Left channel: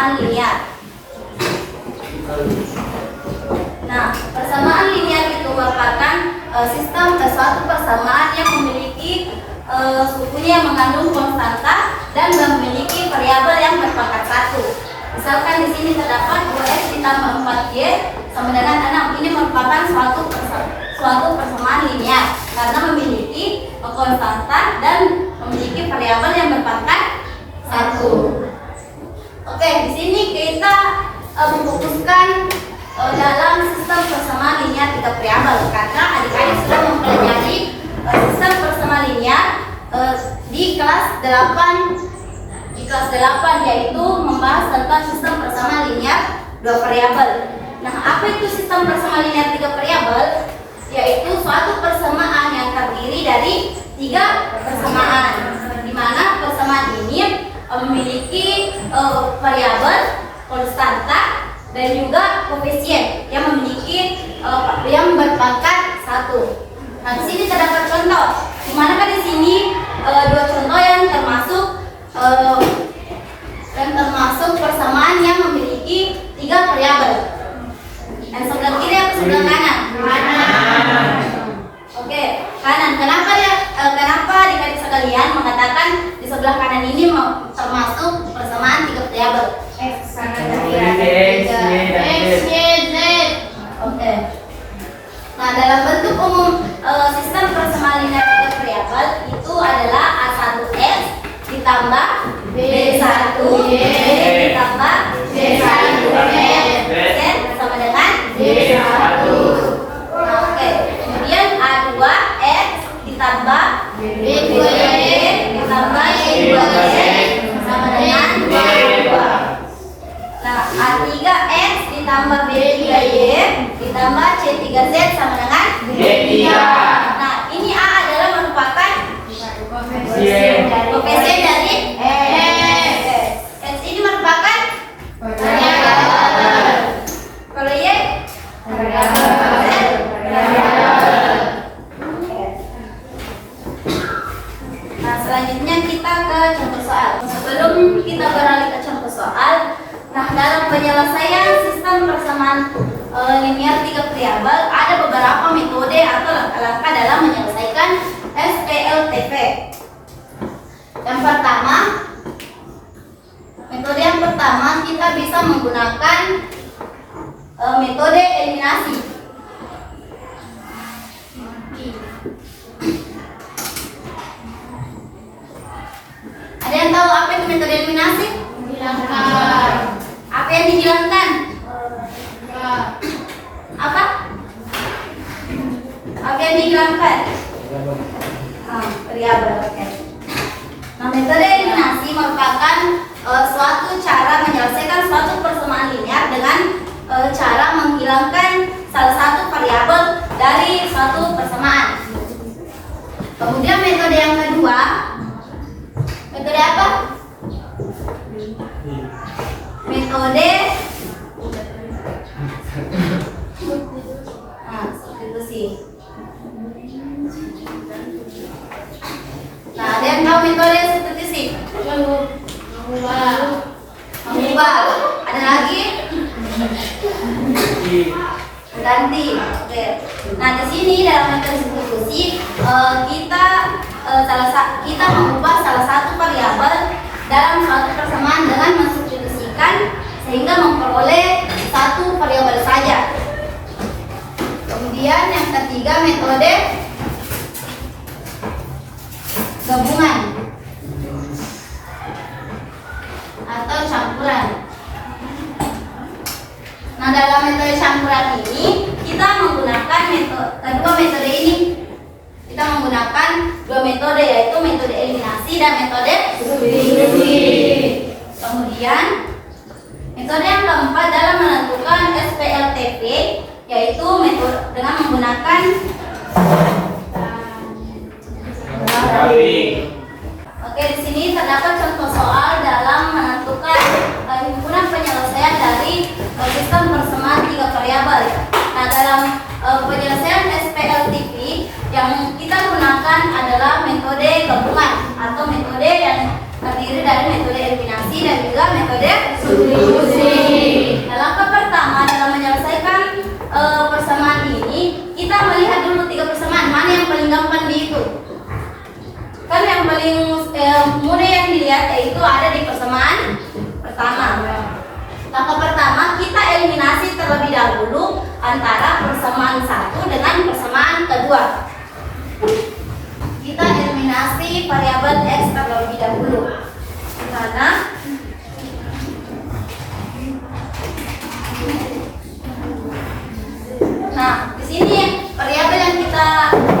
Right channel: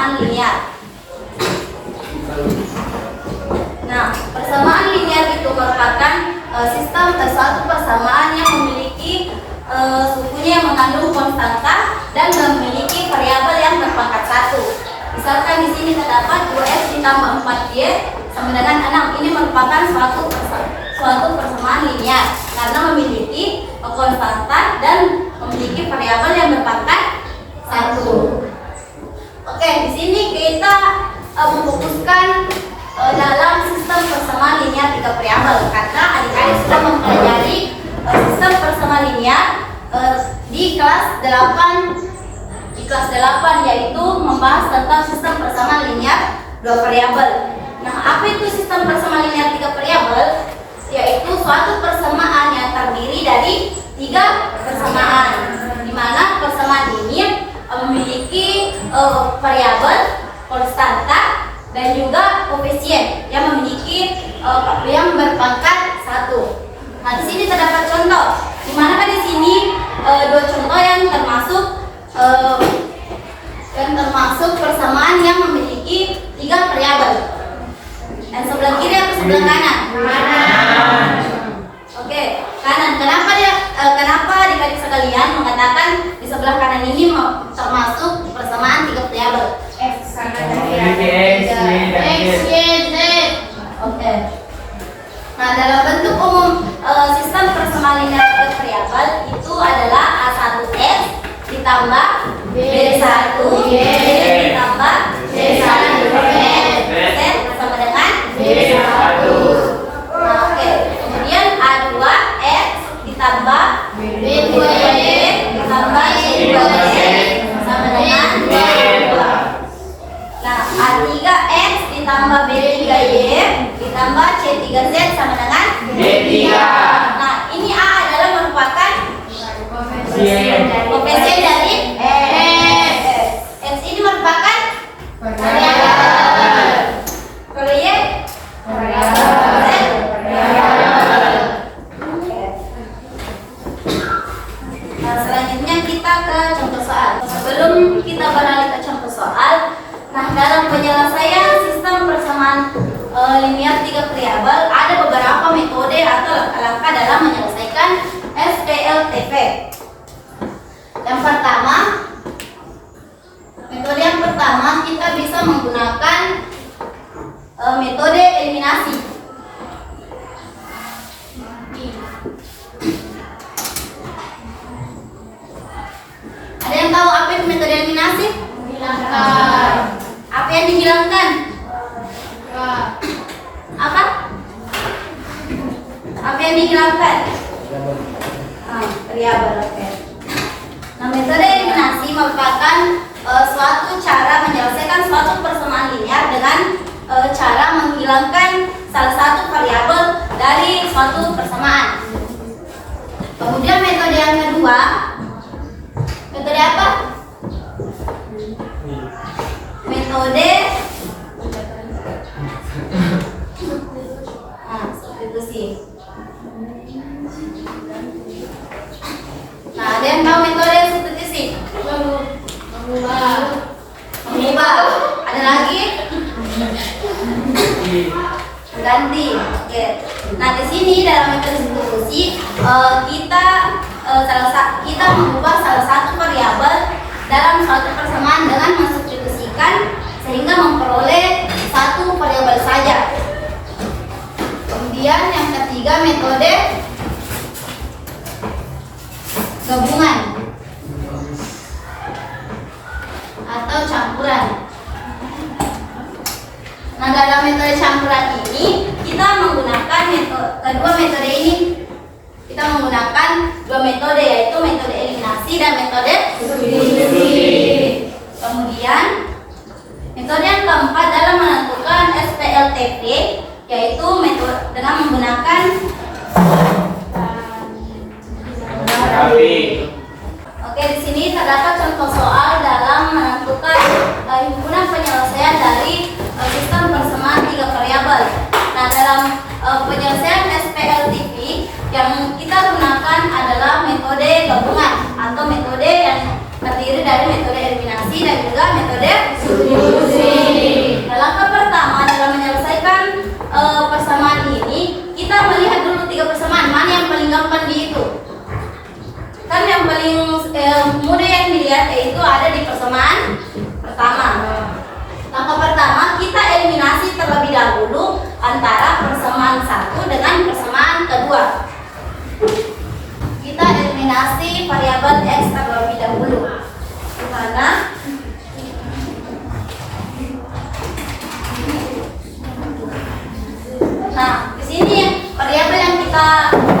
persamaan linear. Nah, persamaan linear itu merupakan sistem suatu persamaan yang memiliki sukunya yang mengandung konstanta dan memiliki variabel yang berpangkat 1. Misalkan di sini terdapat 2x ditambah 4y sama dengan 6. Ini merupakan suatu persamaan linear karena memiliki konstanta dan memiliki variabel yang berpangkat 1. Oke, di sini kita memfokuskan dalam sistem persamaan linear 3 variabel karena adik-adik sudah mempelajari sistem persamaan linear di kelas 8 yaitu membahas tentang sistem persamaan linear 2 variabel. Nah, apa itu sistem persamaan linear 3 variabel? Yaitu suatu persamaan yang terdiri dari 3 persamaan, di mana persamaan ini memiliki variabel, konstanta, dan juga koefisien yang memiliki yang berpangkat 1. Nah, di sini terdapat contoh. Di mana kan di sini 2 contoh yang termasuk persamaan yang memiliki 3 variabel. Dan sebelah kiri atau sebelah kanan? Kanan. Oke, kanan. Kenapa adik-adik sekalian mengatakan di sebelah kanan ini termasuk persamaan 3 variabel? X, Y, Z. Oke. Nah, dalam bentuk umum sistem persamaan linear 3 variabel itu adalah A1X ditambah B1Y ditambah C1Z sama dengan B1. Nah, oke. Kemudian A2X ditambah B2Y ditambah C2Z sama dengan B2. Nah, A3X ditambah B3Y ditambah C3Z sama dengan D3. Nah, ini A adalah merupakan koefisien dari X. X ini merupakan variabel. Kalau Y variabel. Nah, selanjutnya kita ke contoh soal. Sebelum kita beralih ke contoh soal, nah, dalam penyelesaian sistem persamaan linear 3 variabel ada beberapa metode atau langkah-langkah dalam menyelesaikan SPLTP. Metode yang pertama kita bisa menggunakan metode eliminasi. Ada yang tahu apa itu metode eliminasi? Menghilangkan. Apa yang dihilangkan? Apa? Apa yang dihilangkan? Variabel. Oke. Nah, metode eliminasi merupakan suatu cara menyelesaikan suatu persamaan linear dengan cara menghilangkan salah satu variabel dari suatu persamaan. Kemudian metode yang kedua, metode apa? Metode substitusi. Nah, ada yang tahu metode substitusi? Mengubah. Ada lagi? Ganti. Oke. Nah, di sini dalam metode substitusi kita mengubah salah satu variabel dalam suatu persamaan dengan mensubstitusikan sehingga memperoleh satu variabel saja. Kemudian yang ketiga metode gabungan atau campuran. Nah, dalam metode campuran ini kita menggunakan dua metode yaitu metode eliminasi dan metode substitusi. Kemudian metode yang keempat dalam menentukan SPLTP yaitu metode dengan menggunakan Oke, di sini terdapat contoh soal dalam menentukan himpunan penyelesaian dari sistem persamaan 3 variabel. Nah, dalam penyelesaian SPLTP yang kita gunakan adalah metode gabungan atau metode yang terdiri dari metode eliminasi eliminasi dan juga metode substitusi. Nah, langkah pertama dalam menyelesaikan persamaan ini, kita melihat dulu 3 persamaan, mana yang paling gampang dihitung. Kan yang paling mudah yang dilihat yaitu ada di persamaan pertama. Langkah pertama, kita eliminasi terlebih dahulu antara persamaan 1 dengan persamaan kedua. Kita eliminasi variabel X terlebih dahulu. Dimana nah, di sini variabel yang kita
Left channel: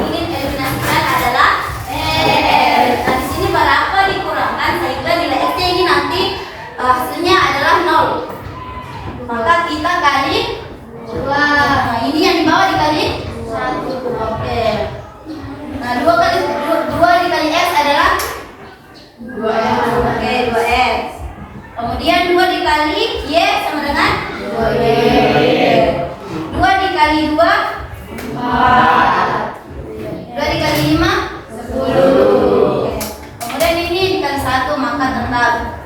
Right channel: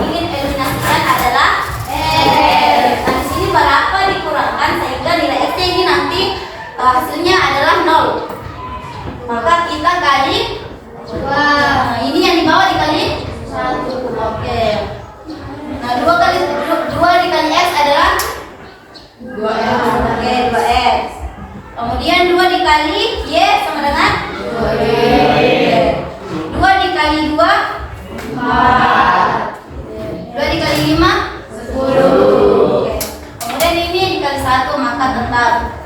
ingin eliminasikan adalah X. Nah, di sini berapa dikurangkan sehingga nilai X-nya ini nanti hasilnya adalah 0. Maka kita kali 2. Nah, ini yang di bawah dikali 1. Oke. Nah, 2 dikali X adalah 2X. Oke, 2X. Kemudian 2 dikali Y sama dengan 2Y. 2 dikali 2 4. 2 dikali 5 10. Oke. Kemudian ini dikali 1 maka tetap.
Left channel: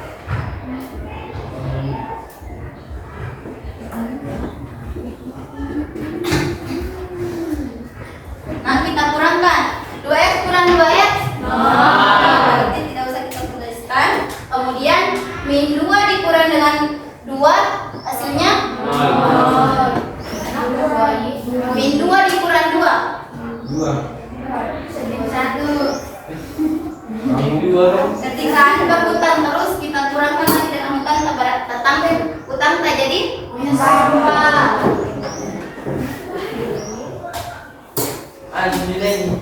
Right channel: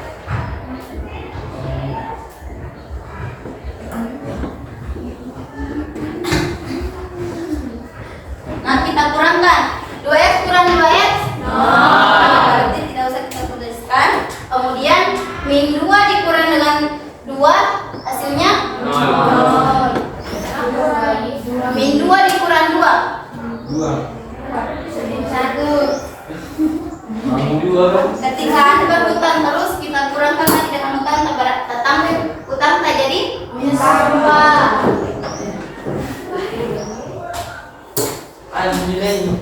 Nah, kita kurangkan 2X kurang 2X 0. Berarti tidak usah kita tuliskan. Kemudian min 2 dikurang dengan 2 hasilnya 0. Min 2 dikurang 2 1. Ketika Anda berhutang terus, kita kurangkan lagi dengan hutang, tambah hutang tak jadi minus 2.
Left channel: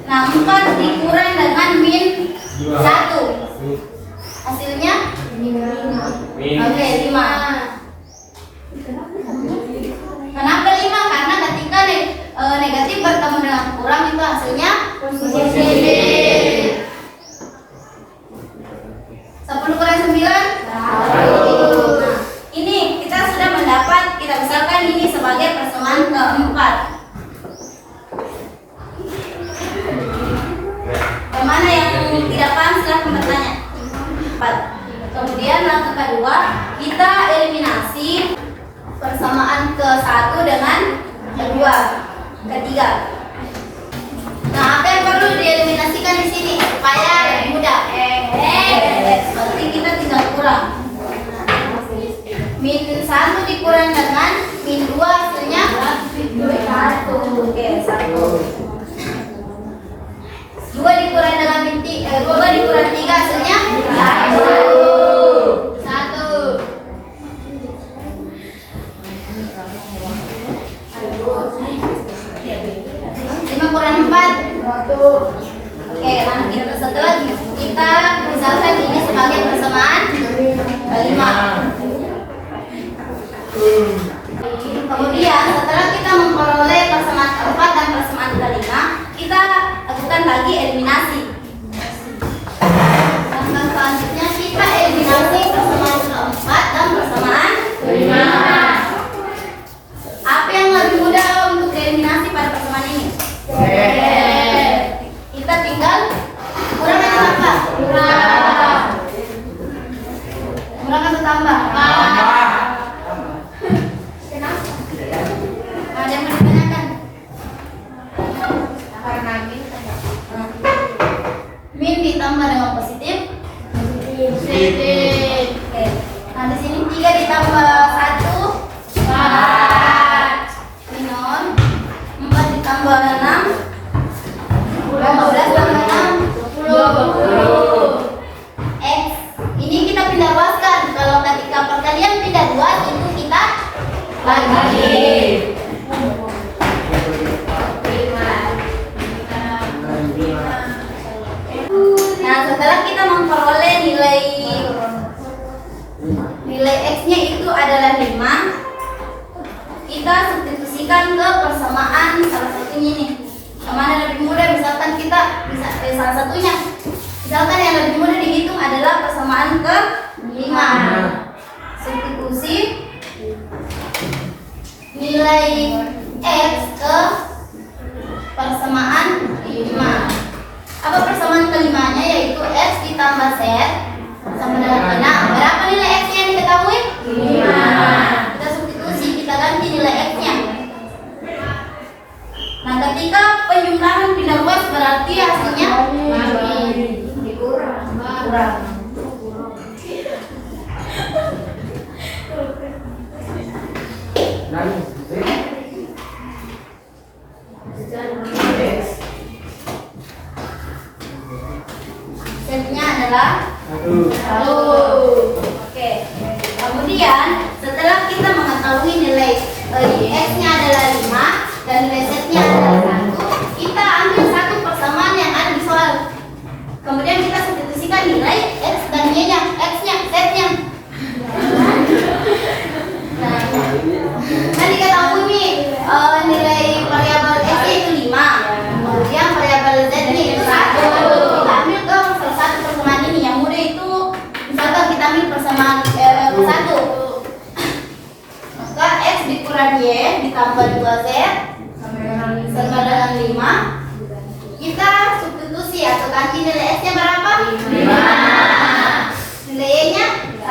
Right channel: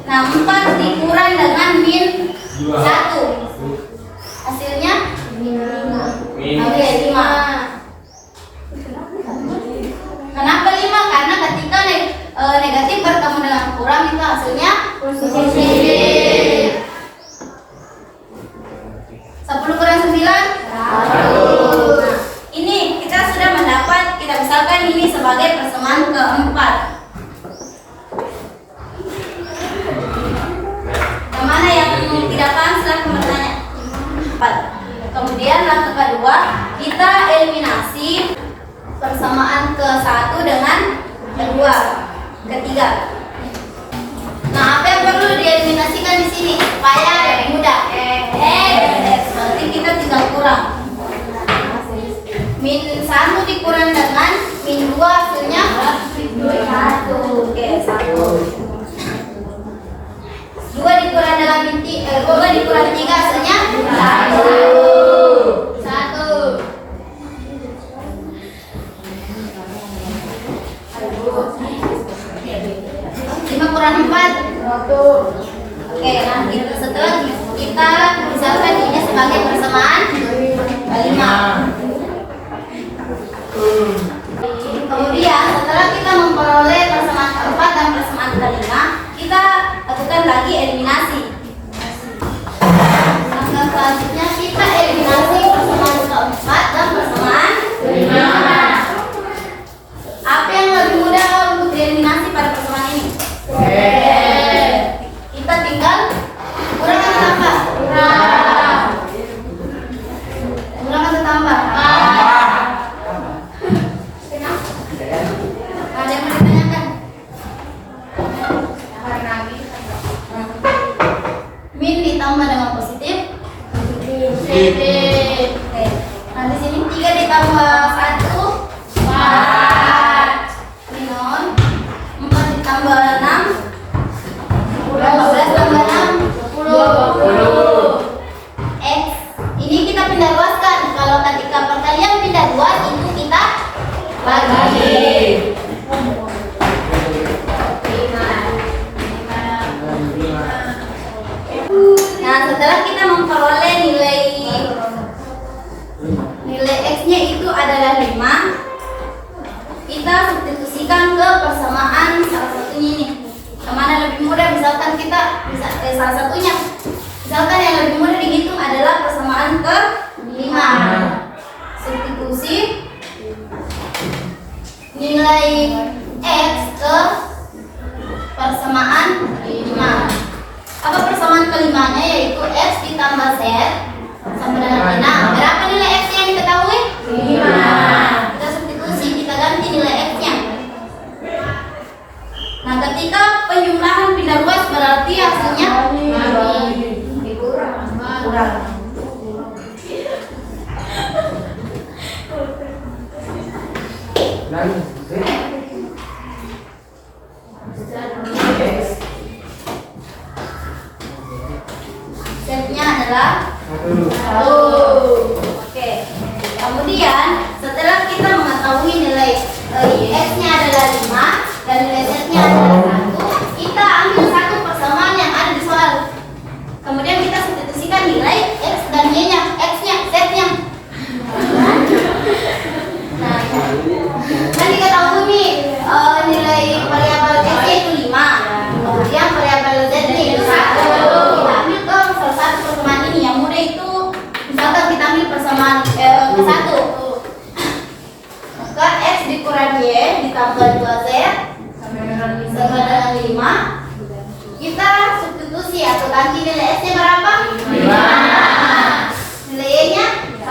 Nah, 4 dikurang dengan min 1 hasilnya min 5. Oke, 5. Kenapa 5? Karena ketika negatif bertemu dengan kurang itu hasilnya positif. 10 kurang 9 1. Nah, ini kita sudah mendapat, kita misalkan ini sebagai persamaan keempat. Yang mana yang tidak paham silahkan bertanya. 4. Kemudian langkah kedua, kita eliminasi persamaan ke-1 dengan kedua, ketiga. Nah, apa yang perlu dieliminasikan di sini supaya lebih mudah? Berarti kita tinggal kurang. Min 1 dikurang dengan min 2 hasilnya 1. Oke, 1. 2 dikurang dengan min 2 dikurang 3 hasilnya 1. 5 kurang 4 1. Oke, nah kita setelah kita misalkan ini sebagai persamaan 5. Kemudian setelah kita memperoleh persamaan keempat dan persamaan kelima, kita lakukan lagi eliminasi. Langkah selanjutnya kita eliminasi persamaan keempat dan persamaan kelima. Apa yang lebih mudah untuk dieliminasi pada persamaan ini? Kita tinggal kurang atau tambah? Kurang atau tambah? Ada yang mau ditanyakan? Min ditambah dengan positif? Positif. Oke. Nah, di sini 3 ditambah 1 4. Minus 4 ditambah 6 15 tambah 6 20. X. Ini kita pindah luaskan. Kalau ketika perkalian pindah luas itu kita bagi. Nah, setelah kita memperoleh nilai X-nya itu adalah 5, kita substitusikan ke persamaan salah satunya ini. Yang mana lebih mudah, misalkan kita salah satunya. Misalkan yang lebih mudah dihitung adalah persamaan ke-5. Substitusi nilai X ke persamaan 5. Apa persamaan kelimanya? Yaitu X ditambah Z sama dengan 6. Berapa nilai X Z-nya adalah 1. Oke. Kemudian setelah kita mengetahui nilai X-nya adalah 5 dan nilai Z-nya adalah 1, kita ambil satu persamaan yang ada di soal. Kemudian kita substitusikan nilai X dan Y-nya, X-nya, Z-nya. Nah, kan diketahui nih nilai variabel X itu 5, kemudian variabel Z-nya itu 1. Kita ambil dong salah satu persamaan ini. Yang mudah itu misalkan kita ambil persamaan ke 1, maka X dikurang Y ditambah 2Z sama dengan 5. Kita substitusi atau ganti nilai S-nya berapa? 5. Nilai Y-nya 1.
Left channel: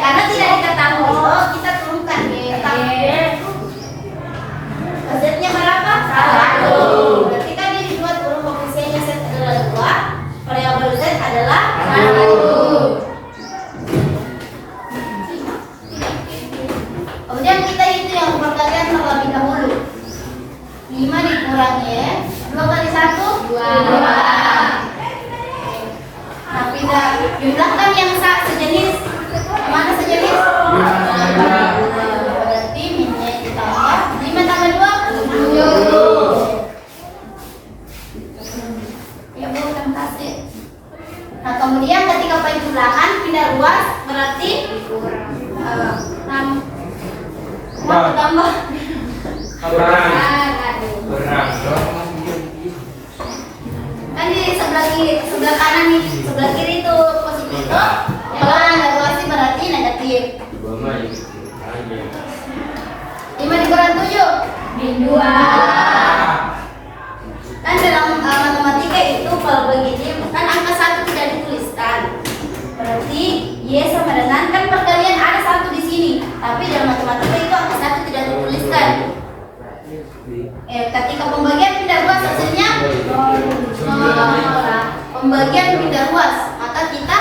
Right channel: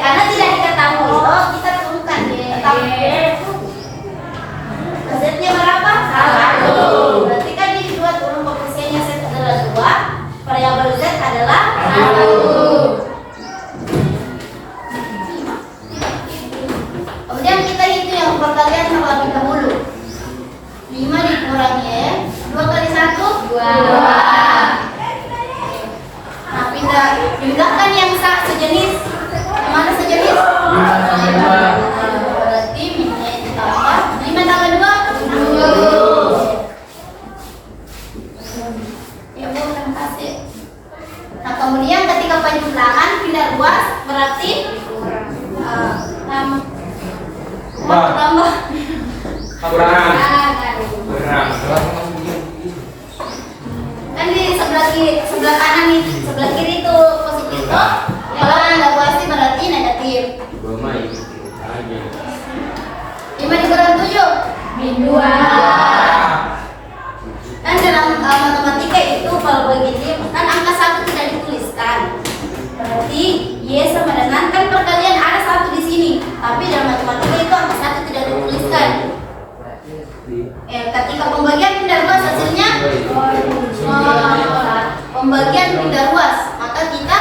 Karena tidak diketahui, kita turunkan. Z-nya berapa? 1. Berarti kan ini 2 turun koefisiennya Z adalah 2, variabel Z adalah 1. Kemudian kita hitung yang perkalian terlebih dahulu. 5 dikurang Y, 2 kali 1 2. Nah, pindah jumlahkan yang sejenis. Mana sejenis? 5. Berarti minyak ditambah 5 tambah 2 7. Ya Bu, terima kasih. Nah, kemudian ketika penjumlahan pindah ruas berarti 6 tambah Berang. kan di sebelah kanan nih, sebelah kiri itu positif toh. Kalau ada ruasnya berarti negatif. 5 dikurang 7 min 2. Kan dalam matematika itu kalau begini kan angka 1 tidak dituliskan. Berarti Y sama dengan, kan perkalian ada 1 di sini, tapi dalam matematika itu angka 1 tidak dituliskan. Ketika pembagian pindah ruas hasilnya pembagian pindah ruas, maka kita